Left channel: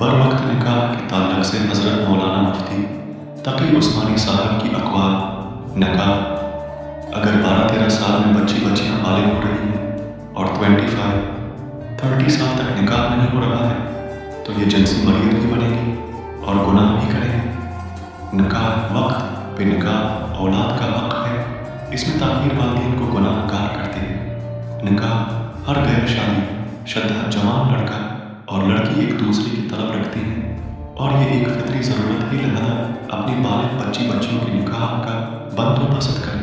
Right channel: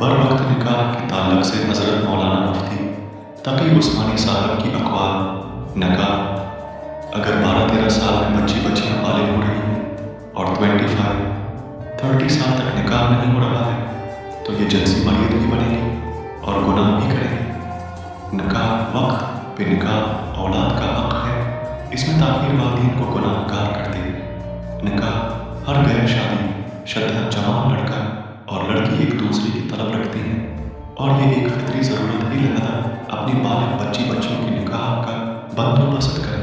بر وقت نکاح کے تعلق سے حضرت مولانا مفتی تقی عثمانی صاحب کی اقوال: نکاح اگر 12-13 سال میں بچیاں بالغ ہو رہی ہیں اور 25-30 سال تک نکاح نہیں ہو رہا ہے تو یہ جنسی مریض بھی بنے گی اور گناہ بھی کریں گے۔ نکاح وقت پہ نکاح اولاد کا حق ہے، اس میں تاخیر والدین کو گناہ گار کرتے ہیں۔ نکاح ہر غیر شادی شدہ جوان لڑکا اور لڑکی ایک دوسرے کی طلب رکھتے ہیں اور یہ ایک فطری ضرورت ہے، لہذا اپنی بالغ بچیوں کے نکاح کا بندوبست کریں۔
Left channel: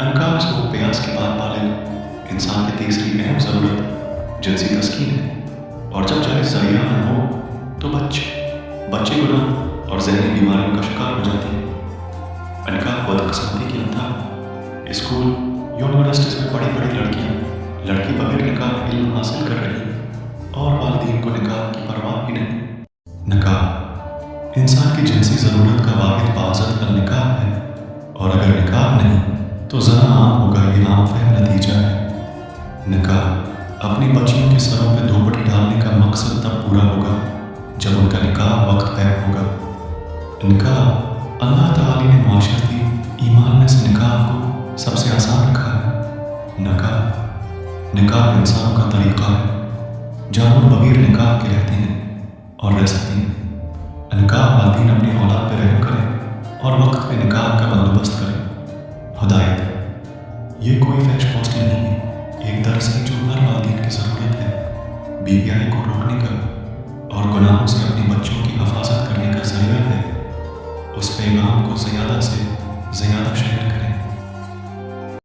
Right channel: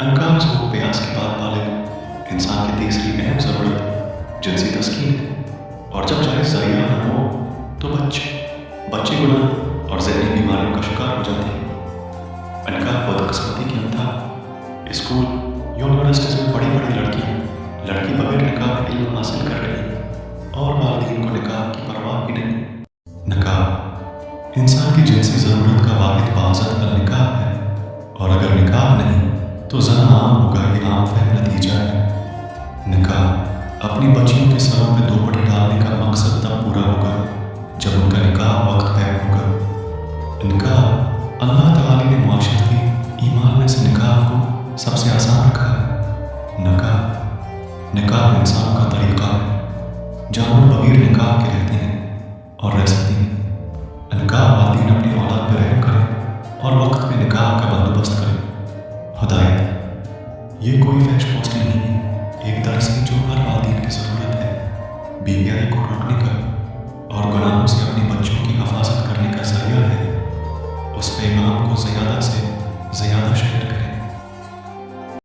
انکاح و پیاس کے بعد بالغ انسان کی تیسری اہم ضرورت جنسی تسکین ہے، اور جب جائز ذریعہ نہ ہو تو بچے گناہ اور ذہنی بیماریوں کا شکار ہو جاتے ہیں۔ انکاح بدقسمتی کی انتہا: اسکول یونیورسٹیز میں بڑی لڑکی بغیر نکاح علم حاصل کر رہی ہے اور والدین کو نکاح کی پرواہ ہی نہیں۔ نکاح انسان کی جنسی ضرورت کا واحد باعزت حل نکاح ہے، اور اگر نکاح نہیں تو زنا عام ہوگا، یہ عام فہم نتیجہ ہے۔ نکاح اپنی بچیوں کے سروں پہ دوپٹ ڈالنے کا مقصد تب پورا ہوگا جب ان کا نکاح وقت پہ ہوگا۔ نکاح اللہ تعالی نے معاشرتی ایمان میں سے نکاح کو سب سے آسان رکھا ہے۔ نکاح انسانوں کا طریقہ ہے، جانور بغیر نکاح کے رہتے ہیں اور رہ سکتے ہیں۔ نکاح والدین اپنی اولاد پہ رحم کریں اور وقت پہ نکاح کا بندوبست کریں۔ ہدایت: یہ کوئی فحش پوسٹ نہیں ہے، ایک درس ہے جو ہر والدین کی ضرورت ہے۔ بی آئی کو روکنے کا اور گناہوں سے اپنی بچوں کی حفاظت کرنے کا ذریعہ ہے۔ اس پیغام کو زیادہ سے زیادہ شیئر کریں۔